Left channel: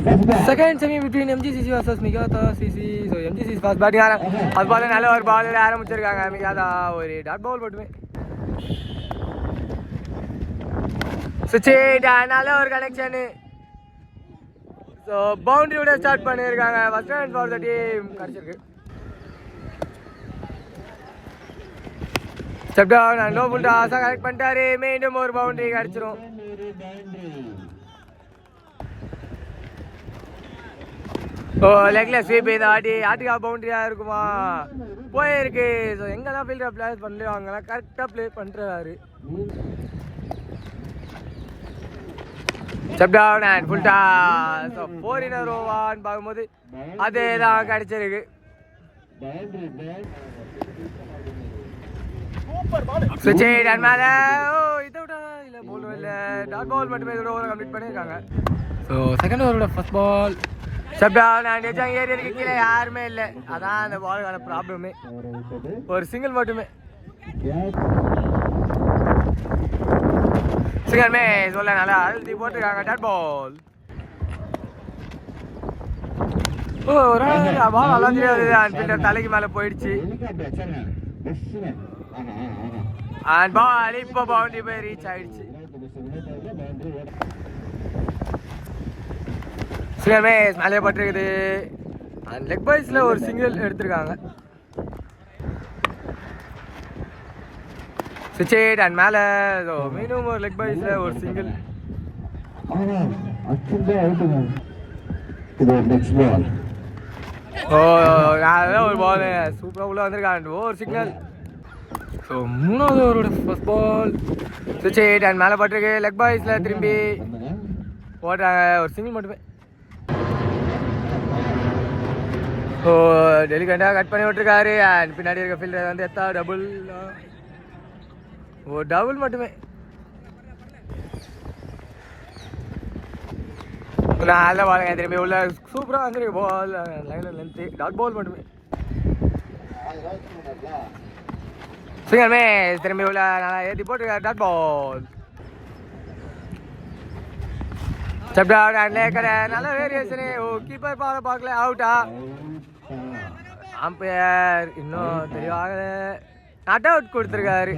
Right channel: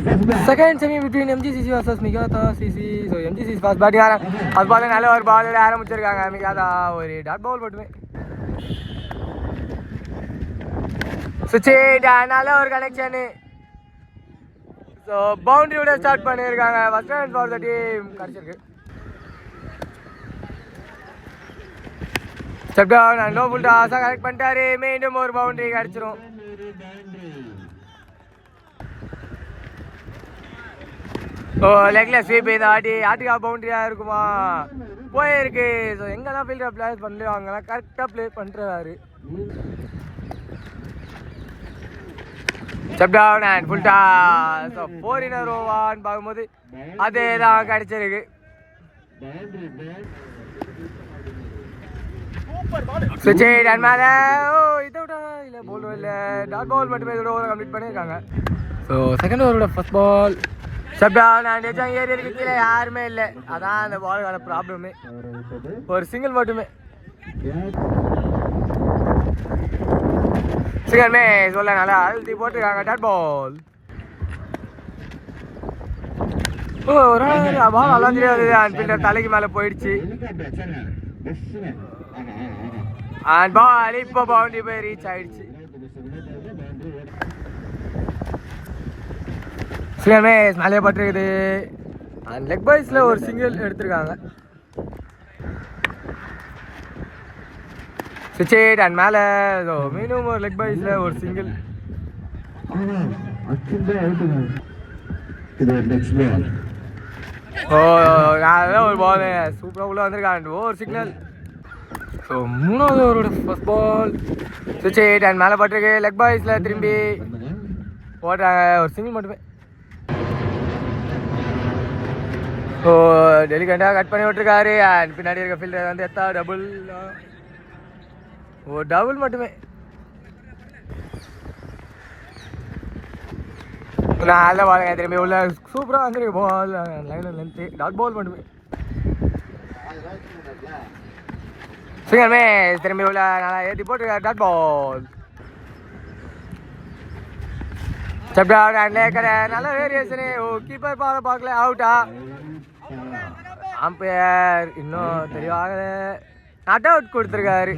Second semi between MGCC versus Megata CC. So MGCC first batting அது பால் நல்ல ஒரு ball ஆரம்பிச்சிருக்காங்க. Megata ஒரு டாட் பால் மட்டுமே. சுச்சேடா நல்ல ஒரு கனெக்ஷன். ஸோ பவுண்டரியோட ஸ்டார்ட் பண்ணியிருக்காங்க. First run for the team கிடச்சிருக்கு. Step down and low full டாஸாக கனெக்ட் பண்ணிட்டாரு. மீண்டும் ஒரு பவுண்டரி கிடச்சிரும். ஓ லெக்ல ஸ்வீப் இந்த ஆட்டுக்கா பவுண்டரியாக இருக்குமா போயிருக்கு. ஸோ எங்கெல்லாம் ஃபீல்டர் பிளேஸ் பண்ணலையோ அங்கெல்லாம் கரெக்டாக ப்ளே பண்ணுறாரு. Step down and full toss. So 4 in a row பார்க்கும்போது அதே தான் கிடச்சிருக்கு. சுச்சேட் அண்ட் மேலே இதை விட இல்லை போலும் இல்லை டாட் பால் மட்டுமே இதோட ஓவர் கம்ப்ளீட் பண்ணியிருக்காங்க. ஸோ செகண்ட் ஓவரோட first ball step down and ஏரியாவுக்கு கீழே யாருமே இல்லை. அதான் அந்த பாலுக்கான ப்ராப்ளமே. ஒரு சிங்கிள் மட்டுமே. சிங்கமே சொல்ல நல்லா அழுத்தி போட்டுருக்காங்க. Dot ball. ஓ ஒரு பால் நல்லா தெரியாது. அண்ட் தலைக்கு மேலே போயிடுச்சு. அண்ட் பால் இப்போ பவுண்டரி போய் ரீச் ஆயிடுச்சு. சிலமே மேலே பட்டிருக்குது. அண்ட் லெக் பைஸில் ஒரு சிங்கிள் எடுத்திருக்காங்க. சுச்சேட் அண்ட் மேலே மீண்டும் ஒரு லெக் பைஸில் ஒரு சிங்கிள். ஓ அதான் ஒரு பால் சூப்பராக உள்ளே வந்திருக்காங்க. ஒரு சிக்னல். ஸோ மூணாவது ஓவரோட ஃபர்ஸ்ட் பால் சுச்சேட் அண்ட் மேலே பட்டிருக்கு. லெக் பைஸில் திரும்பி ஓடுறாங்க. ஒரு சிங்கிள் மட்டுமே. ஓ டெலிகண்டாக கட் பண்ணி விட்டுருக்காரு. அண்ட் பின்னாடி இருக்க ஃபீல்டர் வந்து எத்தா டபுள். ஓ டபுள் மட்டுமே. நல்ல பால் திரும்பி உள்ள சூப்பராக வந்துருக்கு. பால் லைனில் லென்த்து டாட் பால் மட்டுமே. சிங்கமே திரும்பி உள்ள நல்லா ஏற்றி போட்டுருக்காரு. Dot ball. Step down and லேக்கர் நல்ல வேரியேஷனு. ஓ கீப்பர் பார்க்கல அவுட்டா. அம்பையர் இன்னும் தெளிவாக நாட் அவுட் கொடுத்துருக்காரு.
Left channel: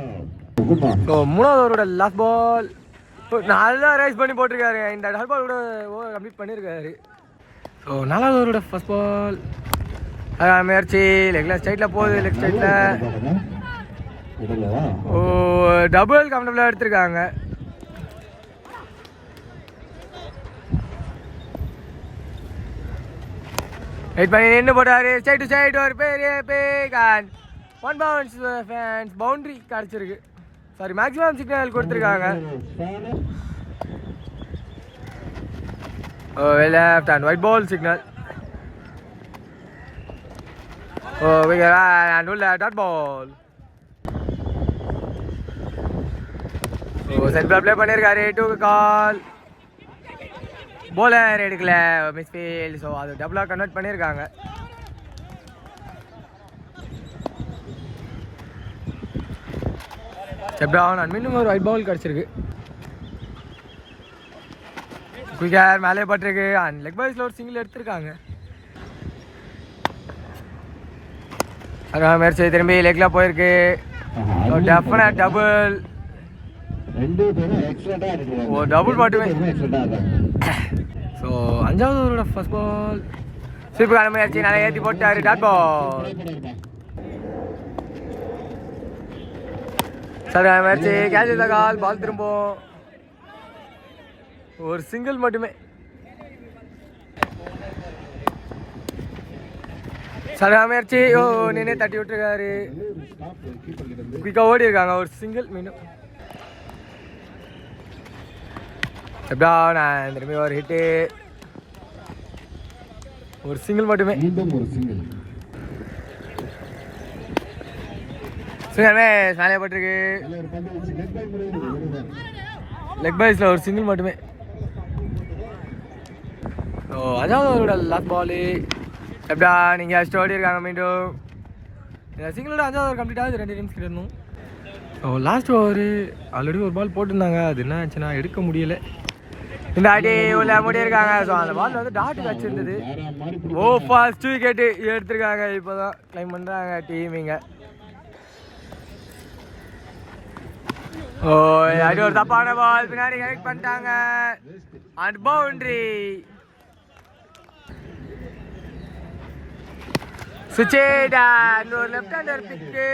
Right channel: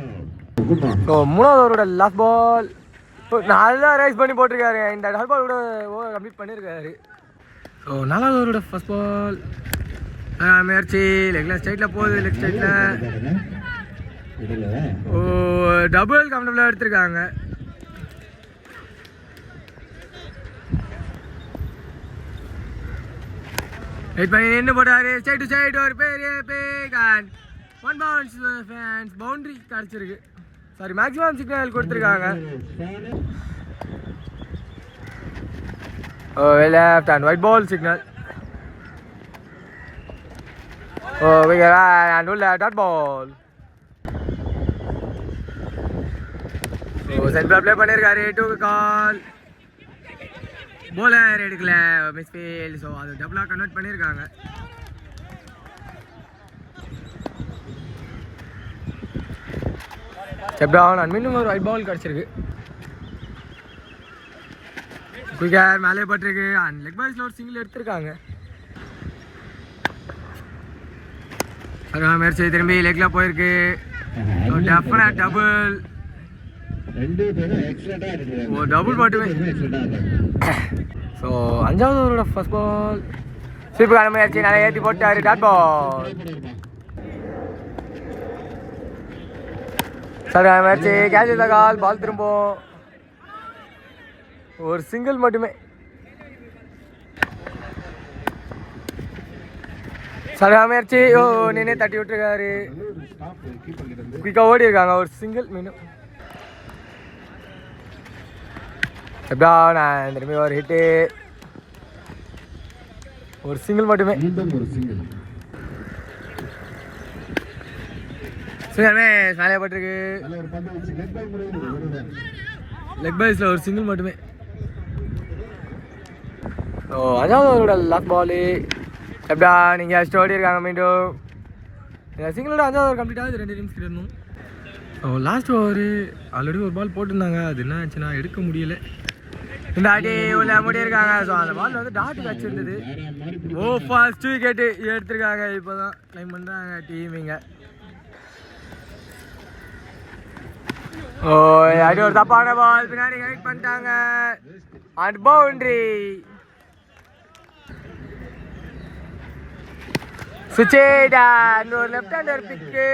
ஸோ மூணாவது ஓவரோட லாஸ்ட் பால் நல்லா ரேஸ் பண்ணி போட்டிருக்காரு. இந்த டாட் பாலோட ஓவர் கம்ப்ளீட் பண்ணியிருக்காரு. ஸோ நாலாவது ஓவரோட ஃபர்ஸ்ட் பால் முயற்சி லெக்ல ஸ்ட்ரைட்டில் போகுது. லெக் ஸ்ட்ரைட்டில் ஓ டபுள் கம்ஃபர்டபுளாக எடுத்திருக்காங்க. வெயிட் பண்ணி நின்று போட்டாரு. சைடு சைடு ஒரு பெரிய back and 1 bounce fans boundary கிடச்சிருக்கு. சாரி மேக்ஸிமம் சிக்னல் கொடுத்துருக்காங்க. Oh left and wide ball signal. Oh and உள்ள dot ball. Oh central play பண்ணியிருக்காரு. 2 கால். போலர் எடுக்கல மிஸ்ஃபீல்ட். ஸோ அது டபுளாக கன்வெர்ட் பண்ணியிருக்காங்க. ஸ்டெப் டவுன் அண்ட் மீண்டும் ஒரு ஒயிட் பால் கிடச்சிருக்கு. குயிக்கர் மேலே பட்டிருக்கு. அண்ட் லெக் பைஸில் ஒரு சிங்கிள் எடுத்திருக்காங்க. அதான் மேட்ச் திரும்பி லெக்கில் போயிருக்கு. Definite double. ஓ டபுள் மட்டுமே. ஸோ அஞ்சாவது ஓவரோட ஃபர்ஸ்ட் பால் சூப்பரான முயற்சி நல்லா ஏற்றி போட்டாரு. Dot ball. சரி முயற்சி கேட்ச் இந்த கால். பால் திரும்பும். ஒரு சிங்கிள் மட்டுமே. சரி முயற்சி. ஓ நின்று தட்டி விட்டுருக்காரு. குயிக்காக ஓடி இருக்காங்க. ஒரு சிங்கிள் மீண்டும். திரும்பி ஒரு ஹிட்டு. ஒரு சிங்கிள் மட்டுமே. மேலே பட்டிருக்கு. லெக் பைஸில் ஒரு சிங்கிள் மட்டுமே. ஸோ அதாவது அவரோட லாஸ்ட் பாலு எப்படா நீங்கள் ஸ்டோடி இருக்காங்க. மீண்டும் சிங்கிளோட அஞ்சாவது ஓவர் கம்ப்ளீட் ஆகுது. 2 ரன்ஸ் கிடணும். ஸோ லாஸ்ட் ஓவர் ஆல்ரெடி ஒரு பால் போட்டிருந்தாங்க. அது என்ன ஆச்சுன்னா எடுக்க முடியலை. இந்த அடி உள்ள முடியிருக்காங்க. ஸோ அந்த பால் வந்து டாட்டு வச்சிருந்தது. ஓ ஃபர்ஸ்ட் விக்கெட்டு எடுத்திருக்காங்க. இப்போ தான் கிளைம் பண்ணுறாங்க டீமிங்க. ஓ அடி ஒரு தப்பான பால் பின்னாடி கனெக்ட் பண்ணிட்டாங்க. And boundary. சுச்சேடா ஒரு லெஃப்ட் ஹேண்டர் பிக்கு.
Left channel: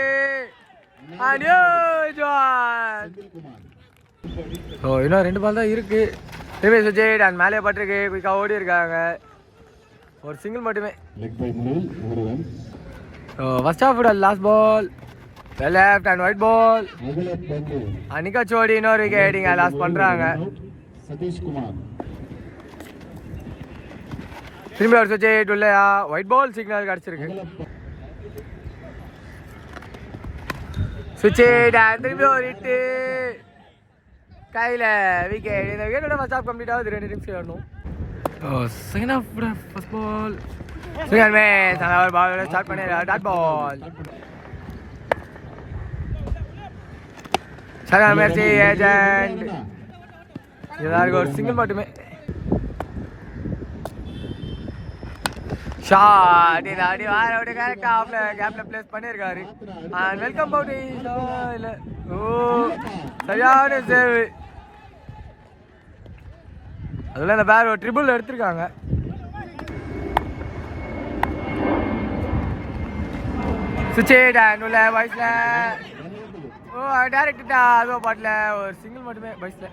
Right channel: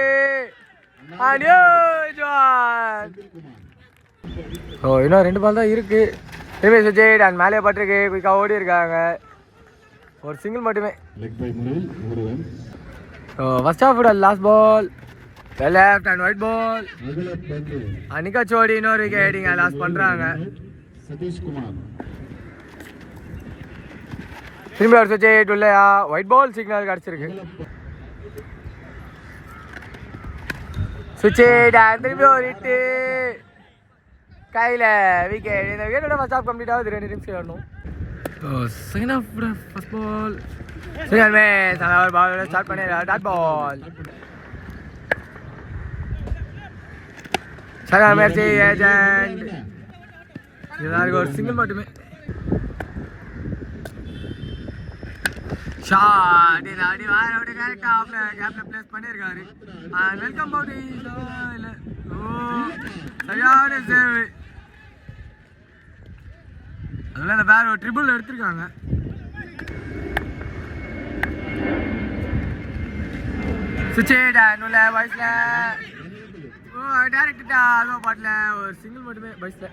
ஓ இன்னும் 2 பால் தான் இருக்கு. திரும்பி சுச்சேடா மேலே பட்டிருக்கு. குயிக்காக ஓடி இருக்காங்க. ஒரு சிங்கிள் மட்டுமே. ஓ ஃபர்ஸ்ட் ஹாஃபோட last ball. Left and wide ball. Anika Sodhi இன்னொரு விக்கெட்டிங்க லாஸ் பண்ணுறாங்க. திரும்பி ஒரு சுவிட்ச் இல்லையா. ஒயிட் பால் சிக்னல் கிடச்சிருக்கு. சுவிட்ச் திரும்பி ஒரு ஹிட்டு கையில் விக்கெட். இந்த விக்கெட்டோட ஃபர்ஸ்ட் ஹாஃப் கம்ப்ளீட் ஆகுது. 2 நிமிஷம் வரணும். Second half first ball signal match. அந்த ஒரு பால் ஸ்டார்ட் பண்ணி dot ball. Second match agent. எல்லாருக்கும் ஒரு சிங்கிள் மட்டுமே. ஷாட் இது அடி வார விட கேப்ல பிளேஸ் பண்ணியிருக்காரு. Welcome boundary. ஓ சரியான சேவ். அதில் அந்த பேர் ஒரு ட்ரிபிள் எடுத்திருக்காங்க. சுச்சேடா உள்ள வயசுல. ஓ டேரக்டா அதுவும் பாட்டில் ஒரு சிங்கிள் மட்டுமே வயசுல.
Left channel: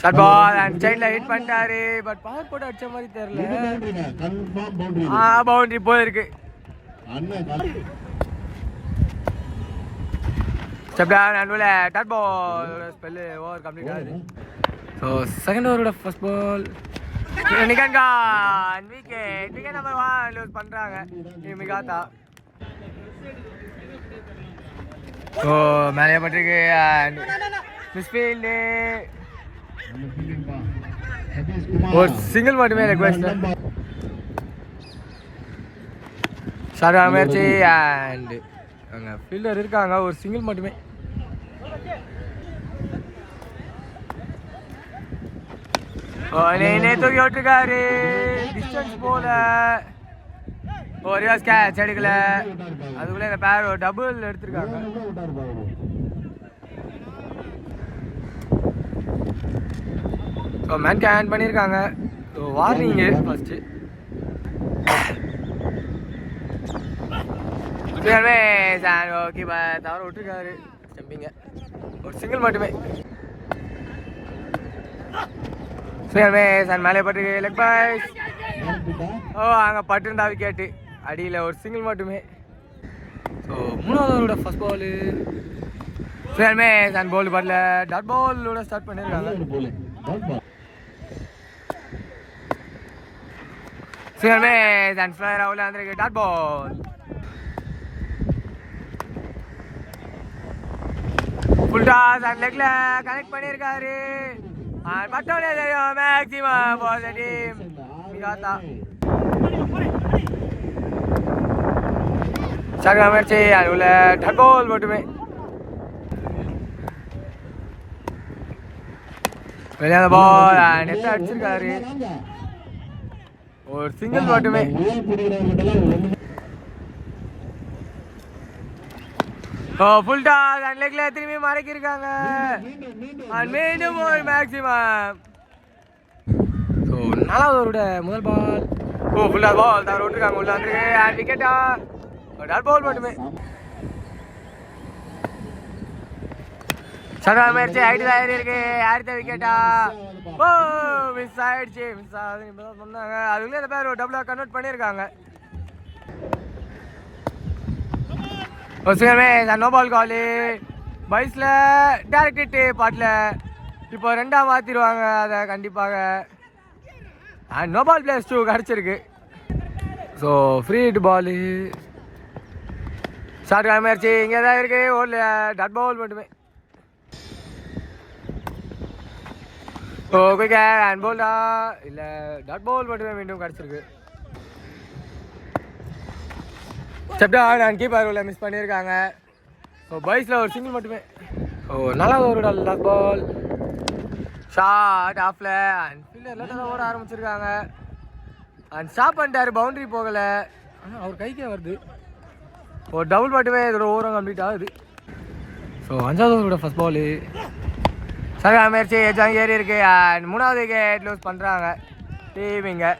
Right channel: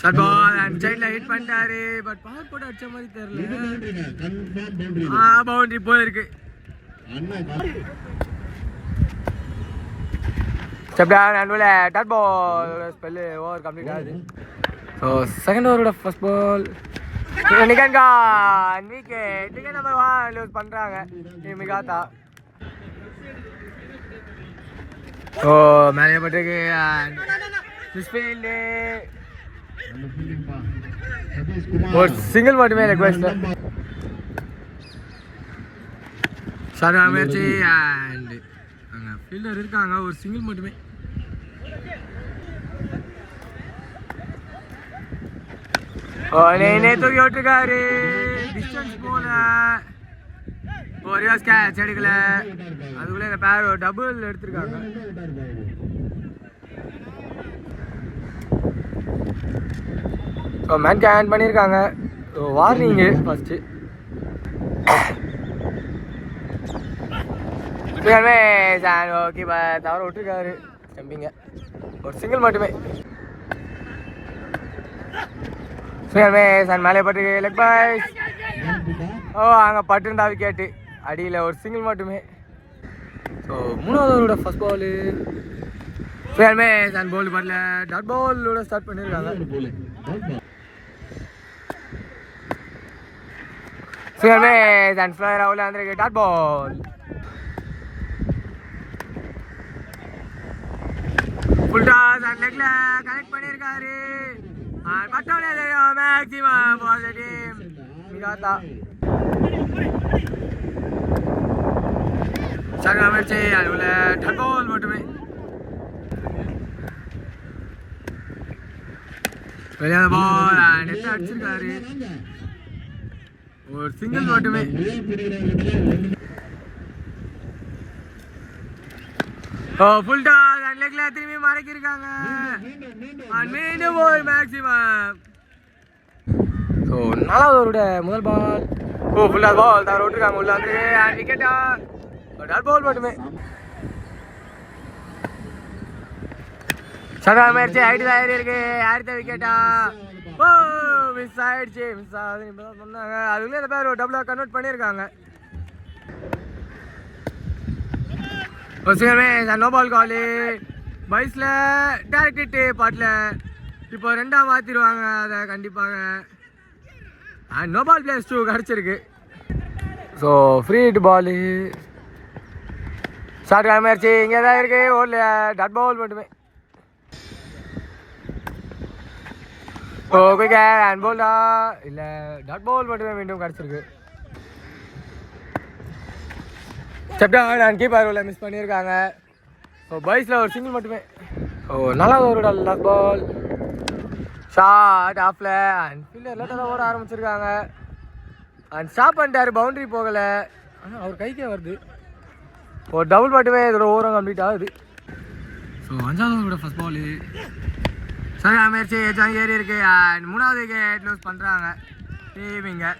ஷாட் பால் அண்ட் சைட்ல ஹிட் பண்ணிட்டாரு. பட் பவர் போட்டு அடிச்ச மாதிரி தெரியல. பவுண்டரி போயிருக்கு. Dot ball spell over complete ஆகுது. ஸோ செகண்ட் ஓவரோட ஃபர்ஸ்ட் பால் நிகன்கான் விக்கெட். விக்கெட் நம்பர் 1 லூஸ் பண்ணுறாங்க மிகாத்தா. ஸோ மேலே பட்டிருக்கு. மிஸ்ஃபீல்டு ஒரு சிங்கிள் மட்டுமே ரெக்வெஸ்ட். ஷார்ட் முயற்சி அண்ட் அங்கே ஃபீல்டர் இருக்காங்க. ஒரு சிங்கிள் மட்டுமே. தூக்கி விட்டுருக்காரு. டிஸ்டன்ஸ் போல ஒரு கேட்ச் எடுக்கல. அதுக்குள்ளே இந்த பேர் ஒரு டபுள் எடுத்திருக்காங்க. ஸோ மேன் கேன் பண்ணியிருக்காங்க. So warning first. ஓகே தவற விட்டுருக்காரு ஸ்டம்பிங்க. ஒரு சிங்கிள் மட்டுமே. சார் மேலே பட்டு லெக் பாய்ஸ். ஓ அங்கே பட்டுருந்தா விக்கெட்டு. அடியில் ஒரு சிங்கிள் மட்டுமே. ஸோ 3வது ஃபர்ஸ்ட் பாலு சரிமே சார் போல் படல. டாட் பாலோட ஸ்டார்ட் பண்ணியிருக்காங்க. சரிமே சார் ஃப்ளையர் அவ்வளோ வந்துருக்கு. டாட் பால் ஃபுல்டா சார் லெக்ல கனெக்ட் பண்ணியிருக்காரு. பட்டோட மேக்ஸிமம் பாசிட்டிவ் மிகாத்தா. சங்க முயற்சி அது உள்ள டாட் பால் மட்டுமே. வெளியான பால் நெட் அடிச்சிருக்காரு. ஒரு சிங்கிள் மட்டுமே. ஃபுல் டாஸ் அண்ட் லெக்ல திரும்பி மடக்கியிருக்காங்க. மீண்டும் ஒரு மேக்ஸிமம். ஸோ 4வது முதல் பால். ஓ ஃபுல் டாஸ் பால் தவற விட்டுருக்காங்க. உள்ள வந்து அண்ட் விக்கெட்டா. டாட் பால் மட்டுமே. சதா முயற்சி ஆயிட்டு இருக்கு. அடுத்த விக்கெட்டா. ஓ மிஸ் ஆயிடுச்சு. மிஸ் ஆகுது சொன்னாங்க. அதுக்குள்ளே அந்த பேர் ஒரு டபுளாக கன்வெர்ட் பண்ணியிருக்காங்க. நோ பால் காலு. பைஸில் டேரக்ட் ஹிட்டு பாட்டில். இப்போ 2ஆக மாற்றிடுவாங்க அதை கண்டிப்பாக. அண்ட் நோ பால் பிளேஸ் 2 கிடச்சிருக்கு. So free hit ball. Short முயற்சி இங்கே தான் இருக்குது. ஓடல டாட் பால் மட்டுமே. ஓ குயிக்கா ஹேண்ட் பால்டா இல்லை டாட் பால் மட்டுமே மீண்டும் கிடச்சிருக்கு. செப்டா நான் கீப்பர் உள்ள மிஸ் பண்ணியிருக்காங்க. ஸோ பாய்ஸில் ஒரு சிங்கிள் மட்டுமே. ஓ நாலாவது ஓவரோட லாஸ்ட் பால். ஷாட் ஆஃப்ல அண்ட் ஃபீல்டர் லேட்டாக ஓட ஆரம்பிச்சிருக்காங்க. அண்ட் ஸ்டாப் பண்ணிட்டாரு, பவுண்டரி போகலை. ஆனால் அவர் கைக்கே வருது. ஒரு டபுள் மட்டுமே இதோட ஓவரம் கம்ப்ளீட் ஆகுது. ஸோ அஞ்சாவது ஓவரோட ஃபர்ஸ்ட் பாலு சகா முயற்சி எஜாங்க ஏறி இருக்கு. அண்ட் மூணாவது விக்கெட் லூஸ் பண்ணுறாங்க டீமிங்க.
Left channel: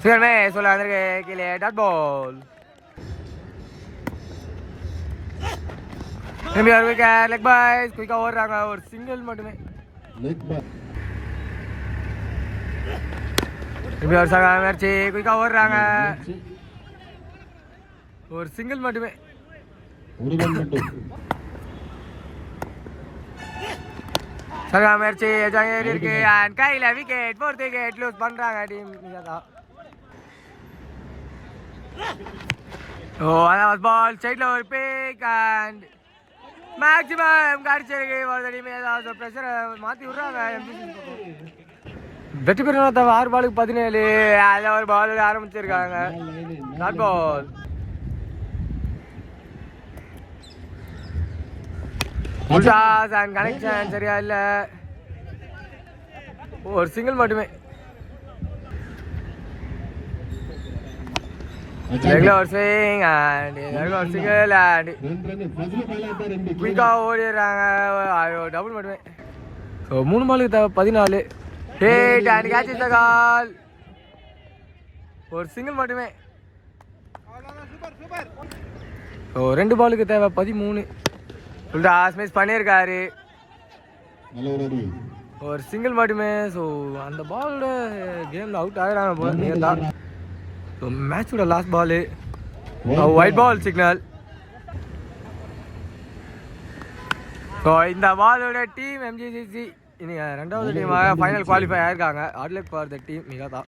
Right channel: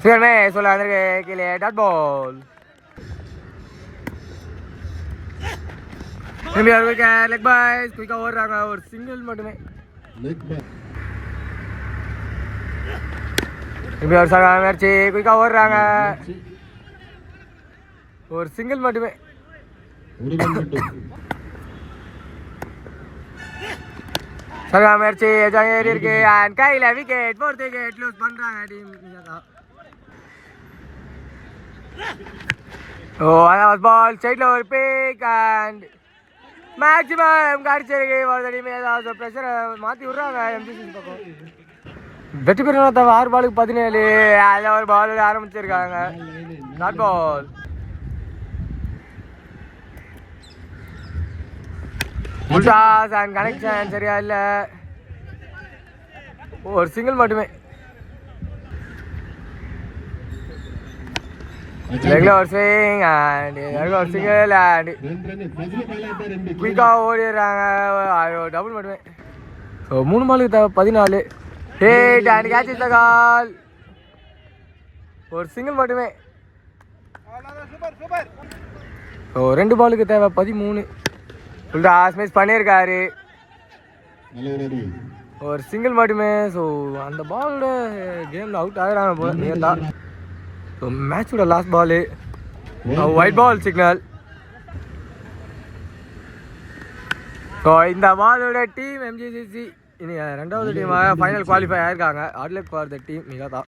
சீக்கிரமே சொல்ல வந்திருக்கு கீழே டாட் பால். திரும்பி ஒரு விக்கெட் லெக் பாய்ஸ் குயிக்காக ஓடுறாங்க. ஒரு சிங்கிள் மட்டுமே. திரும்பி ஒரு சகா முயற்சி குயிக்காக ஓடுறாங்க. ஒரு சிங்கிள் மட்டுமே. சகா முயற்சி ஏறி இருக்கு. அண்ட் கையில் விக்கெட் ஃபோர்த் விக்கெட் லூஸ் பண்ணுறாங்க டீம். ஓ அதான் பால் ஸ்ட்ரைட்டில் ஒரு பிக் அண்ட் மேக்ஸிமம் காடிச்சிருக்கு. டீம் ஏதாவது ப்ரெஷரை மாற்றி விட்றாங்க எம்சிசி பக்கம். வெற்றி பெறணும் தவிர 6 பாலுக்கு 17. அதில் ஒரு பால் ஆரம்பிச்சிருக்காங்க. Dot ball. உல்டாஸ் அண்ட் கனெக்ஷன் சரியா இல்லை. ஒரு சிங்கிள் மட்டுமே. Regular swing and regular single and குயிக்காக ஓடிடுறாங்க. டபுள் மட்டுமே. ஸோ 3 பாலுக்கு 14. Hit and catch the call. ஒரு சிங்கிள் மட்டுமே. ஸோ 2 பாலுக்கு 13. உல்டாஸ் மிஸ் பண்ணியிருக்காரு. ஒரு சிங்கிள் மட்டுமே. ஸோ அந்த பாலோட கேமில் அவுட் ஆகிறாங்க போல நேர்தா. ஸோ மேட்சோட last ball wide ball signal. So இந்த பாலோட டீம் எம்ஜிசிசி இனி 2வது டீமாக ஃபைனல் குவாலிஃபை ஆயிருக்காங்க. Bad luck for the team மிகதா.